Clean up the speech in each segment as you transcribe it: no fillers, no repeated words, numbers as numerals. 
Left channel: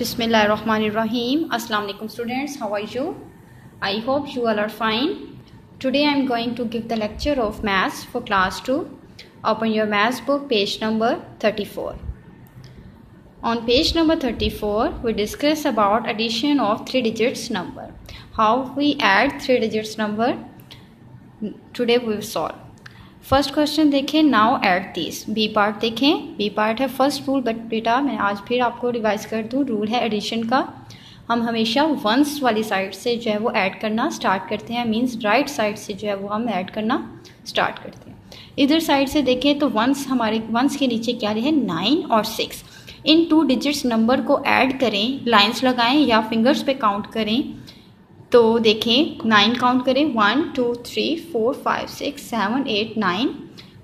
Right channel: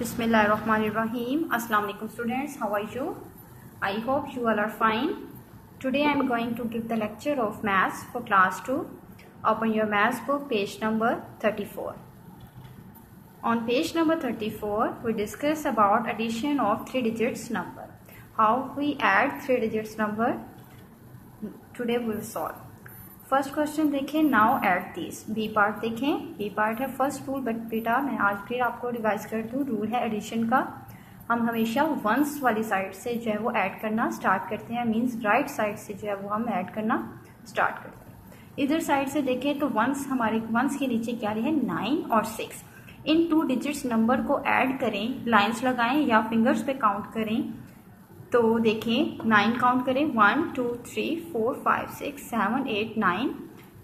Bismillahirrahmanirrahim. Assalamu alaikum students. How are you? I hope you all are fine. Today I am going to give the lecture of maths for class 2. Open your maths book, page number 34. On page number 34, we discuss about addition of 3 digits number. How we add 3 digits number. Today we will solve. First question देखें, now add this. B part देखें, B part है first rule. But बेटा मैं आज फिर आपको revise कर दूं, रूल है एडिशन का. हम हमेशा वंस वाली साइड से जो है वो ऐड करना स्टार्ट करते हैं. मींस राइट साइड से जो है वो हम ऐड करना स्टार्ट करते हैं. इधर साइड से देखें तो वंस, हमारे वंस के नीचे क्या है 9 और 6. इन 2 डिजिट्स नंबर को ऐड करें, लाइन्स लगाएं या फिंगर्स पे काउंट करें. तो देखें 9 काउंट करें, 1 2 3 4 5 6 7 8 9.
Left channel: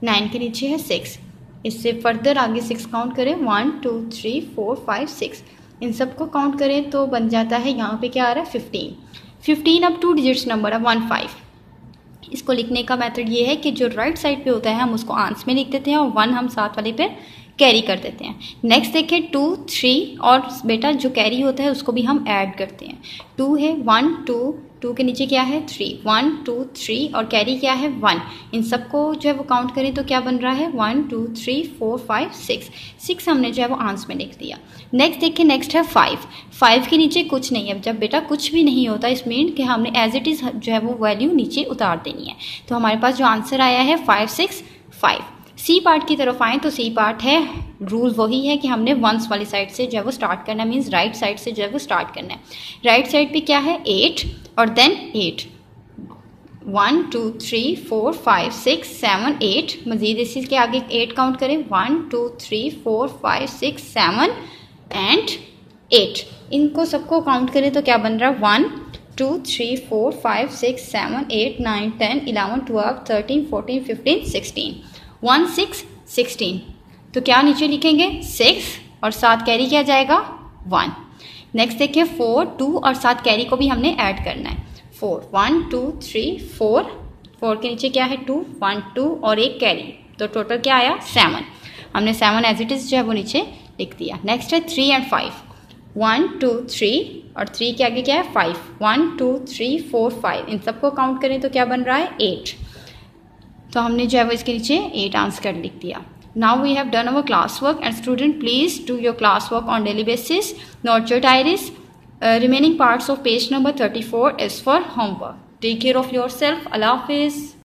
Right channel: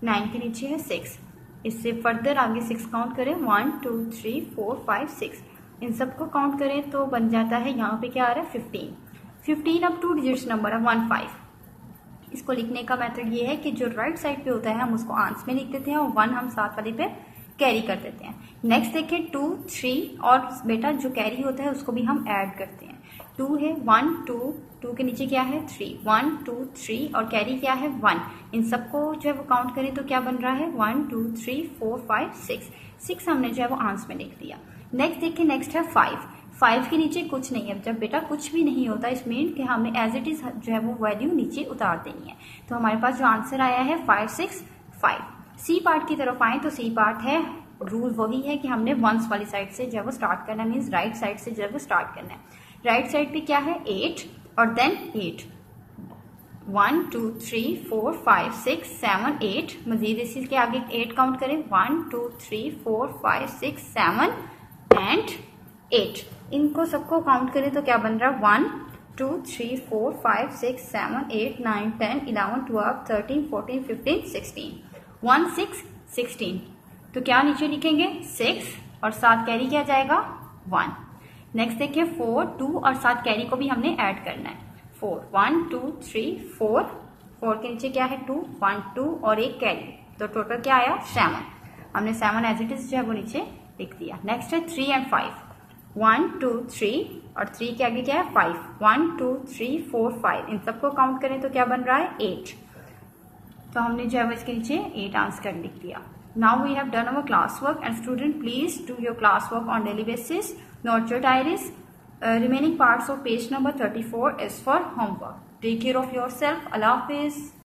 9 के नीचे है 6. इससे फर्दर आगे 6 काउंट करें, 1 2 3 4 5 6. इन सब को काउंट करें तो बन जाता है, यहाँ पे क्या आ रहा है 15. अब 2 डिजिट्स नंबर है 1 5. इसको लिखने का मेथड ये है कि जो राइट साइड पे होता है हम उसको आंस में लिख देते हैं और 1 हम साथ वाले पे कैरी कर देते हैं. नेक्स्ट देखें 2 3 और बेटा जो कैरी होता है उसको भी हम ऐड करते हैं. 2 है 1 2, 2 के नीचे क्या है 3, 1 2 3 और कैरी क्या है 1. इन सबको जो है वो काउंट करें तो क्या बन रहा है 1 2 3 4 5 6. 6 हमने जो है वो आंस में लिख दिया. नेक्स्ट देखिए, नेक्स्ट है 5. 5 के नीचे कुछ नहीं है. जब बेटा कुछ भी नहीं होता इस मीन कि हमने एज इट इज़ जो है वो वैल्यू नीचे उतार देनी है. तो हमारे पास जो आंसर आया है 5 6 5. सी पार्ट की तरफ आए तो सी पार्ट है, रूल वही है कि हमने वंस वाली साइड से जो है वो स्टार्ट करना है. मीन्स राइट साइड से जो है वो स्टार्ट करना है. राइट साइड पे क्या है 8 और देन 8. 1 2 3 4 5 6 7 8. मजीद इसी के आगे 8 काउंट करें, 1 2 3 4 5 6 7 एंड 8. इनको सबको काउंट करें तो क्या बन रहा है 1 2 3 4 5 6 7 8 9 10 11 12 13 14 15 16. 1 6 16. तो क्या नीचे लिखेंगे 6 और साथ कैरी किया जाएगा 1. नेक्स्ट देखिए 4 2 और साथ कैरी को भी हमने ऐड करना है. 4 1 2 3 4. 4 के नीचे क्या है 2 1 2 और एक कैरी, तो टोटल क्या आया 7. हमने 7 एज इट इज जो है वो नीचे लिख दिया. नेक्स्ट है 3 एंड 5. 1 2 3 और 3 के आगे क्या है 5. 1 2 3 4 5. इन सबको काउंट करें तो क्या बन रहा है 8. तो हमने जो है वो इसके नीचे 8 आंसर लिख दिया. Now we have done our classwork and student please do your classwork on daily basis. Note your diaries. Remaining parts of page number 34 is for homework. Take care of yourself. Allah Hafiz.